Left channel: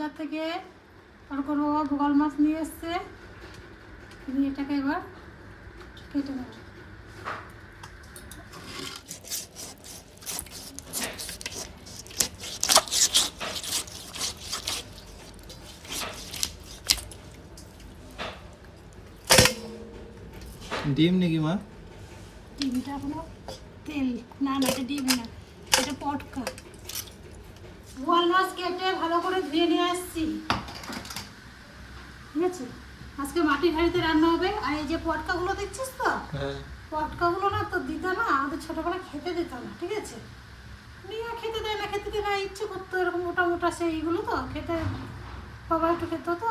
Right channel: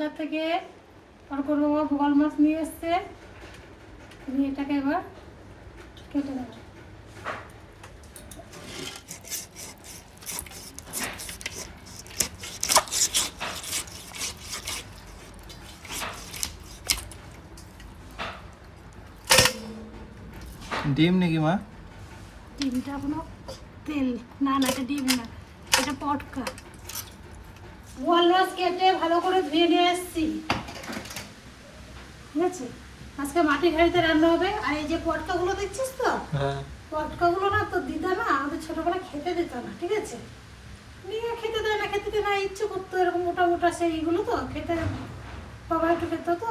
বাজার থেকে অর্কর বাবা বোয়াল মাছ নিয়ে এসছে। এটাকে এবার কেটে নেব। ডিম নাকি মা? ডিমটা কোনো তেল না, না এটা ডিম না, এটা পটকা। বোয়াল মাছ কেটে ভালো করে ধুয়ে নিয়ে আসছি, ঠিক আছে। আজকে মাটির হাঁড়িতে রান্না হবে। আর এই যে পটকাগুলো দেখছিস তো, পটকাগুলো না তোর দিদা না আমাদের ছোটবেলায় খেতে দিত না, ঠিক আছে। নিয়ে খেতে দেয় না, খেতে দেয় না, ইচ্ছে করতো এরকম মোটা মোটা সেইগুলো তো খেতে, বাবা একটু খেত তো,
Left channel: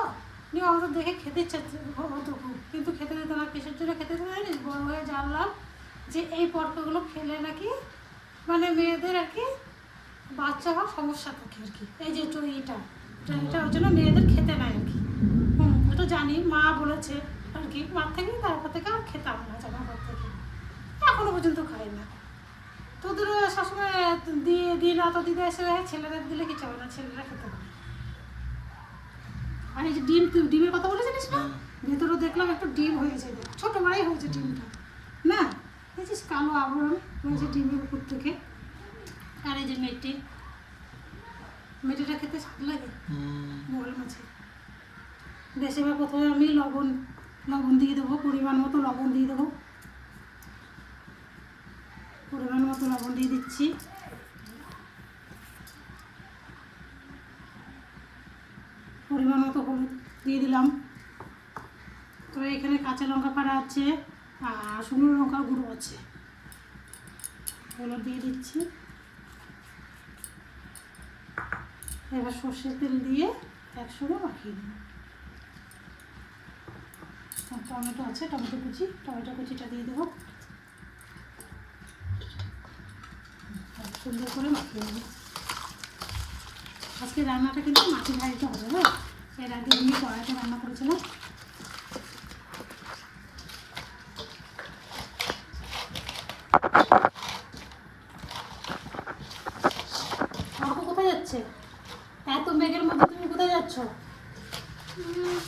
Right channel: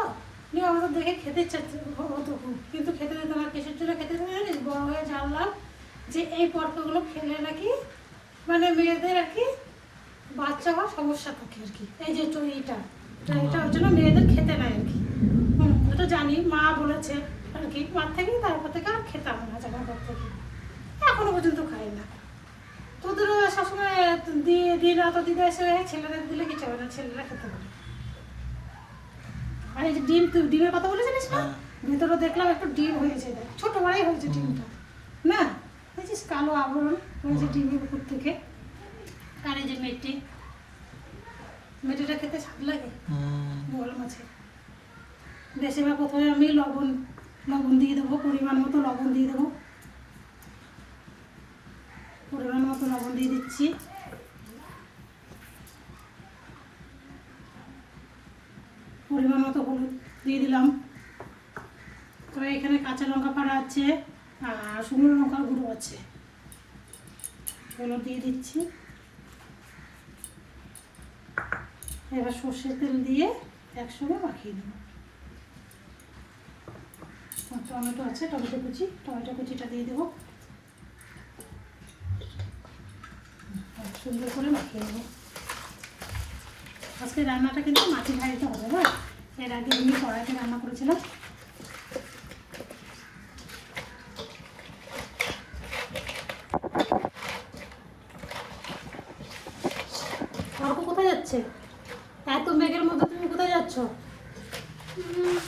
নিয়ে আমাদের দেখে খেতে ইচ্ছা হতো খুব, কিন্তু খেতে দিত না। কিসের জন্য খেতে দিত জানিস? বড় হয়ে জানলাম যে এই পটকাগুলো খেলে নাকি মানে মেয়েদের আর কি বাচ্চা হওয়ার সমস্যা থাকে আর কি। এই যে এটা এটা ওর জন্য মেয়েদের খেতে নেয় আর কি। ওটা জানি, মা বলেছে আর কি, মার থেকে তারপর থেকে আর খেতাম না, জানার পর থেকে এখনো পর্যন্ত খাই না। তোদেরও সবসময় দিয়ে না তো দিদা এসে ছেলেরা দিলে কিছু হবে না, ছেলেরা খেতে পারে। আর এই যে ডিম, তুই ডিমের কথা বলেছিলিস না, ভেতরে দেখলাম একটু ডিম হয়েছে, ছোট বড়াই হয়েছে ডিমটা না, দেখছিস কালো আবরণ হয়েছে ডিমের উপর থেকে। আর এই যে মেটিটা খেতে স্বাদ লাগে বোয়াল মাছে। বেশিরভাগ প্রথমে আমি লবণ দিয়ে দেবো, পরিমাণ মতো লবণ দিয়ে দেবো, পরিমাণ মতো লবণ দিয়ে দিচ্ছি। পরিমাণ মতো হলুদ দিয়ে দিলাম। তবে এখানে কাঁচা লঙ্কা পাড়া আছে আর শুকনো লঙ্কা গুঁড়ো আছে, হলুদ দিয়ে দিচ্ছি। এবার সর্ষের তেল দিয়ে একসঙ্গে মাখিয়ে দেবো। টমেটো আছে, টমেটো কুচিটা দিয়ে দেবো, সুন্দর করে মাখিয়ে দেবো। আজকে রান্নাটা কিন্তু মাটির হাঁড়িতে হবে, হ্যাঁ। এর আগে আমি কড়াইতে রান্না করেছিলাম। কোথায় যাচ্ছে এত মেঘের মধ্যে? তুমি কোথায় যাচ্ছ?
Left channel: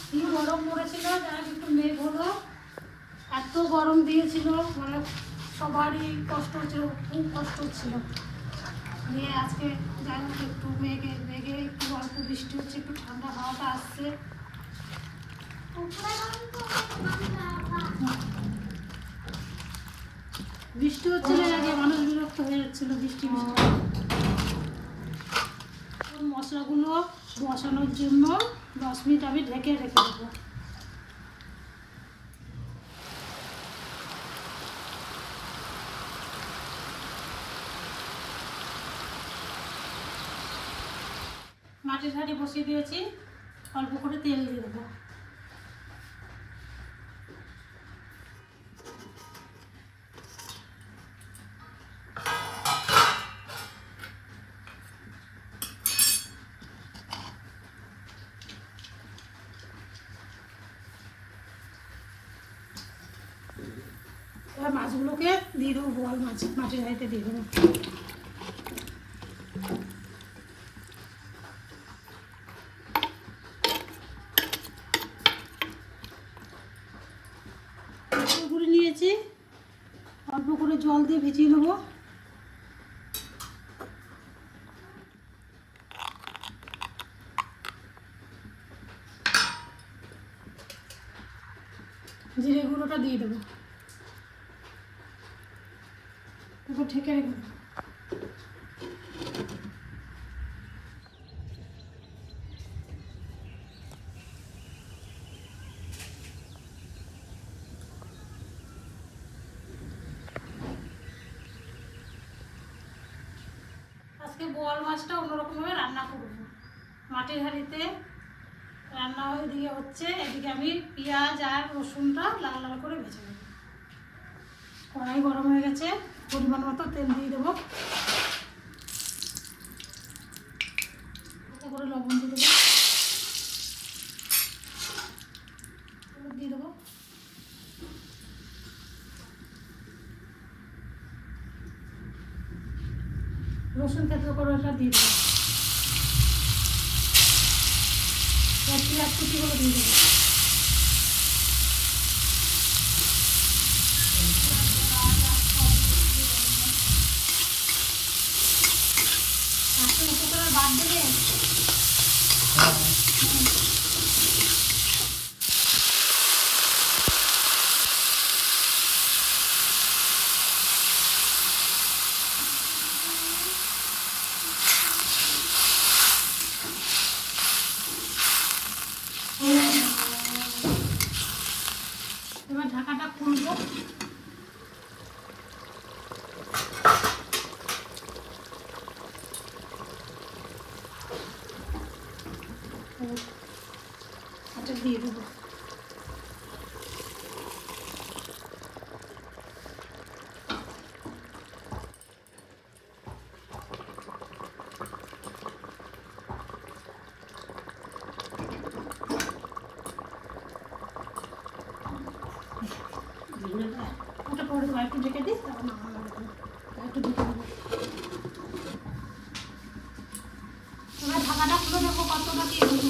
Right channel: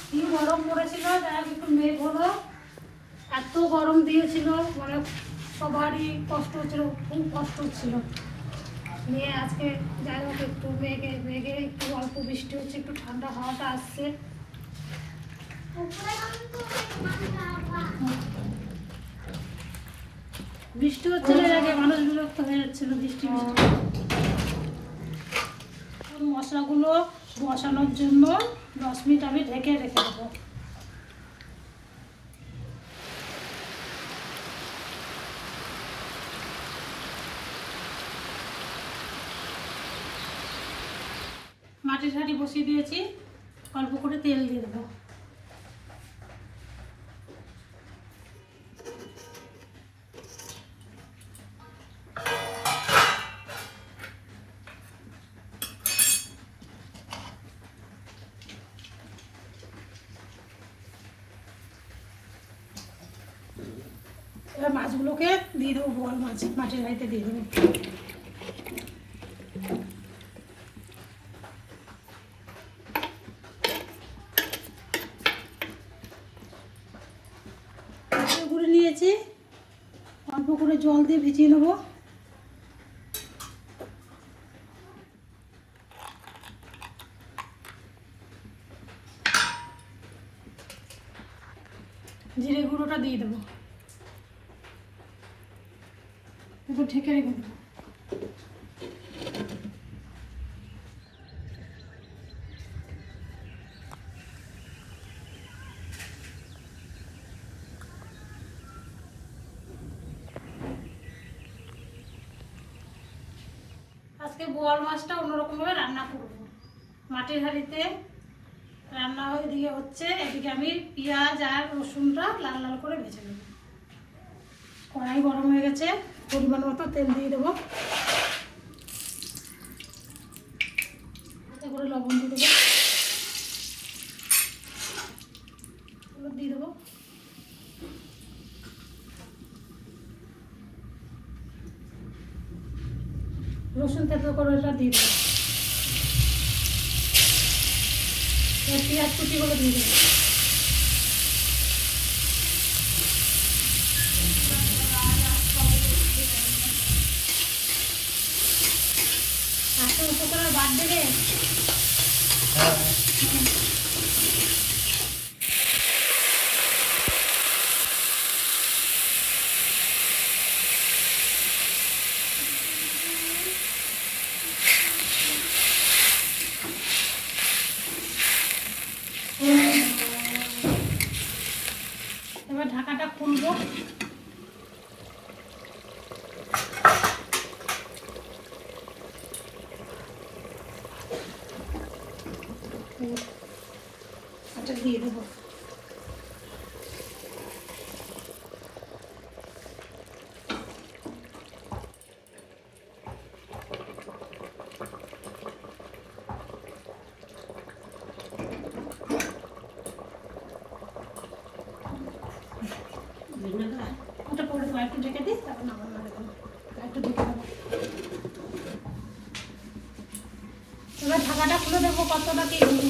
কি গরম পড়েছিল, যার একটু মেঘ হলো, এত গরম দিয়েছিল, মানে সবারই কষ্ট হচ্ছিল, খুব কষ্ট হচ্ছিল। নিয়ে আজকে যাই হোক একটু মেঘে একটু অল্প বৃষ্টি হচ্ছে, একটু ঠান্ডা হাওয়াটা আসছে। বৃষ্টি হচ্ছিল এর আগে, মানুষ বিরক্ত হয়ে যাচ্ছিল বৃষ্টি। মশলাগুলো বসানোর জন্য 10 মিনিট আমি ঢেকে রেখে দেবো। মাটির হাঁড়ি বসিয়ে দিয়েছি, অল্প করে তেল দিয়ে দেবো। এবার মাছগুলোকে দিয়ে দেবো, বোয়াল মাছ মাটির হাঁড়িতে দিয়ে দেবো। গুঁড়ো নিয়েছি, অল্প করে জল দিয়ে ভিজিয়ে নেবো। জিরে গুঁড়োটা দিয়ে দেবো, এরপর ঢেকে রেখে দেবো। আজকে বোয়াল মাছটা অন্যরকমভাবে রান্না করবো। মাটির হাঁড়িতে রান্না এদিকে হচ্ছে, এদিকে আমি পেঁয়াজ আর রসুনটা লাল লাল করে ভেজে নেব। কড়াই গরম হয়ে গেছে, পরিমাণ মতো তেল দিয়ে দেবো, এতে করে লবণ দিয়ে দেবো, দিয়ে দেবো। রসুন থেতো করে ওটা দিয়ে দেবো। পেঁয়াজ কুচিগুলো দিয়ে দেবো। আজকে উপকরণের বাদ দিলে এবার ঢাকাটা খুলবো। এটা দিয়ে দেবো। ওটা পরে একটু ঢেকে দিই, তারপর নামানো হবে না। একটু ঢেকে দেবো। এবার ঢাকাটা খুলে দেখবো কতটা কি হলো।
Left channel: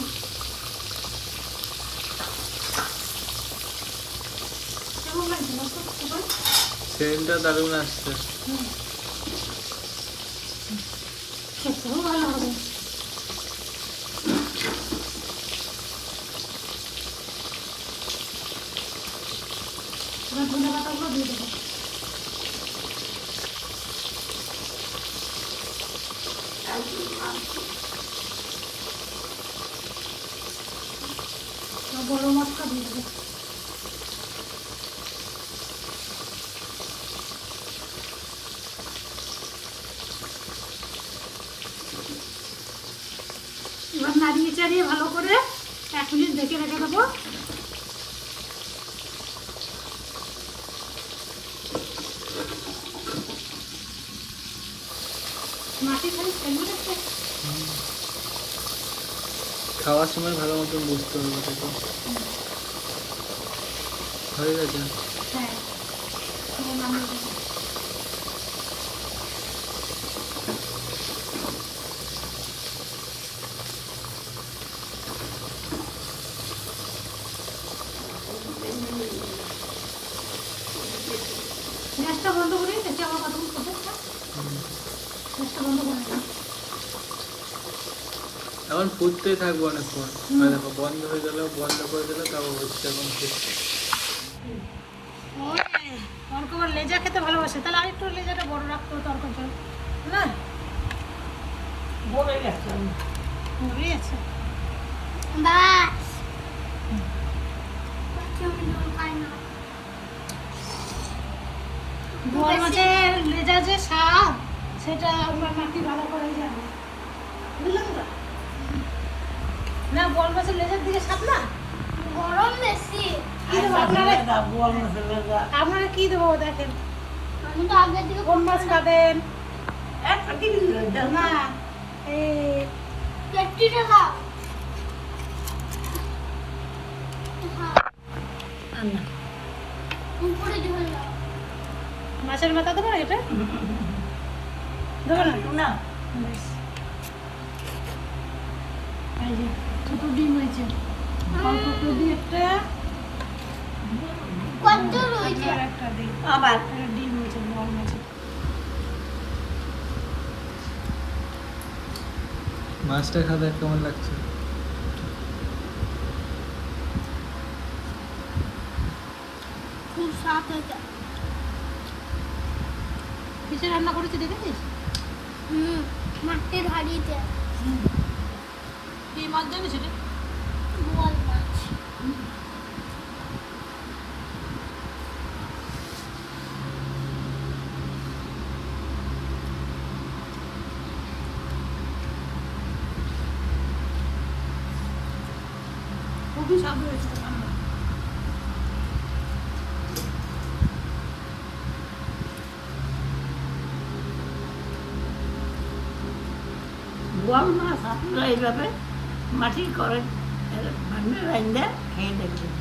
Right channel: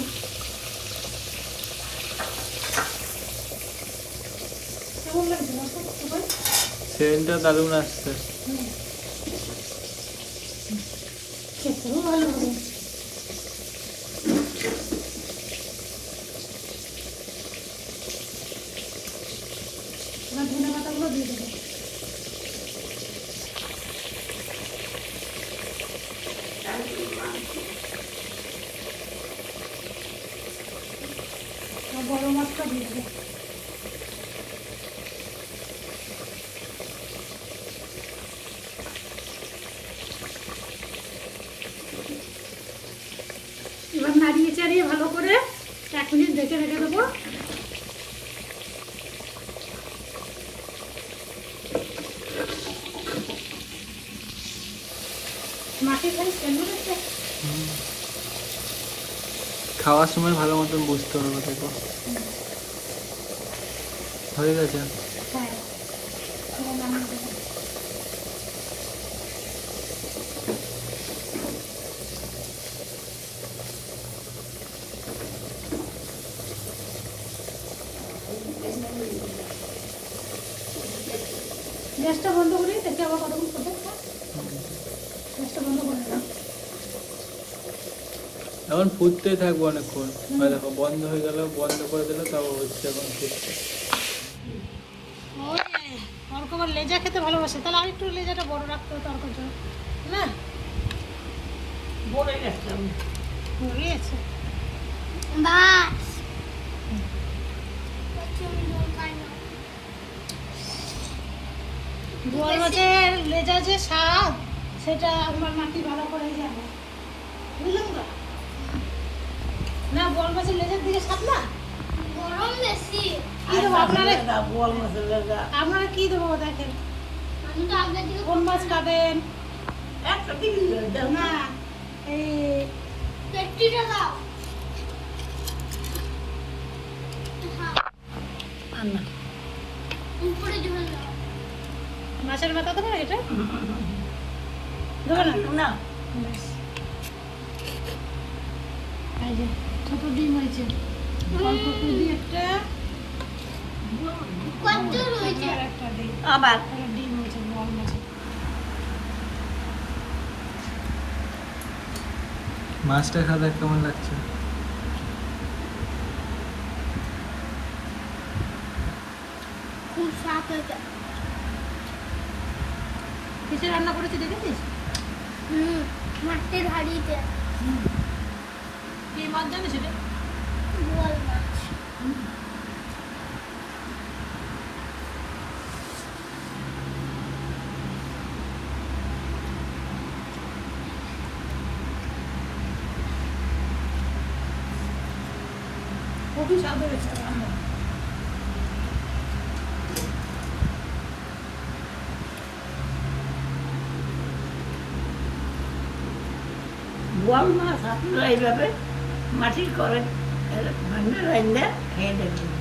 কেমন লাগছে বলতো? সেন্টটা দারুণ আসছে। খেতেও ভালো হবে। এবার ধনে পাতাগুলো দিয়ে দেবো। আর গরম মশলা দিয়ে দেবো। এবার নাড়িয়ে চাড়িয়ে ভালো করে 1 মিনিট ঢেকে রেখে দেবো। মাটি খাই কেমন একটা খাওয়ার সময় ভালো মতন বুঝতে হবে দেখো। হয়ে গেছে। হ্যাঁ, এবার নামিয়ে দেবো। গ্যাসটা বন্ধ করি, দেখি আবার কতক্ষণ করবে। গ্যাসটা বন্ধ করে দিলাম। এখন ফুটতেই থাকবো অনেকক্ষণ। দেখো বন্ধ হয়ে গেল, বন্ধ করে দিলে তাও হচ্ছে এখন ফুটছে। তরকা আবার লেজা খেতে ভালোবাসে, তাহলে আরেকটু লেজাটা বড় রাখতে হবে তরকাটা না। বড় গেছে বোয়াল মাছের লেজা যে স্বাদ সেটা আপনার নাতি ভালো করেই জানে, বুঝলেন তো? না বোয়াল মাছের লেজার দিকে স্বাদ না গরম বেশি। আপনারা কি দেবো দেখেন। আমি তো আগের দিকে কোন মাছ খাবেন? না এই পেটিটা দাও। উপরে ঝোল দাও। মাছের মাথা দেবো এটা দেবো না। বেশ। এই যে দুটো ডিম হয়েছে, অল্প করে দিই একটা, কত রয়েছে? আর একটা দিই। আবার একটা ডিম হয়েছে বড় মাছের। মাছটা খাবে কেমন লাগছে? খুব স্বাদ হয়েছে। কিসে রান্না করেছি দেখেছিস? মাটির হাঁড়িতে কি মাছ জানিস এটা? বোয়াল মাছ। খুবই স্বাদ হয়েছে রান্না। বোয়াল মাছ আপনারা এইভাবে মাটির করে রান্না খেয়ে দেখবেন।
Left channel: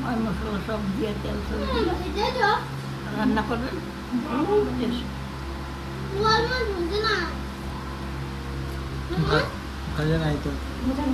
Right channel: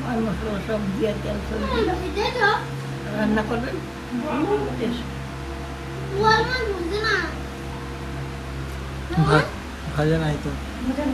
ময় মশলা সব দিয়ে তেল সব দিয়ে এটা তো রান্না করবেন, বহুত টেস্ট। বোয়াল মাছ বুঝে না। ভাজা নাই তো। এটা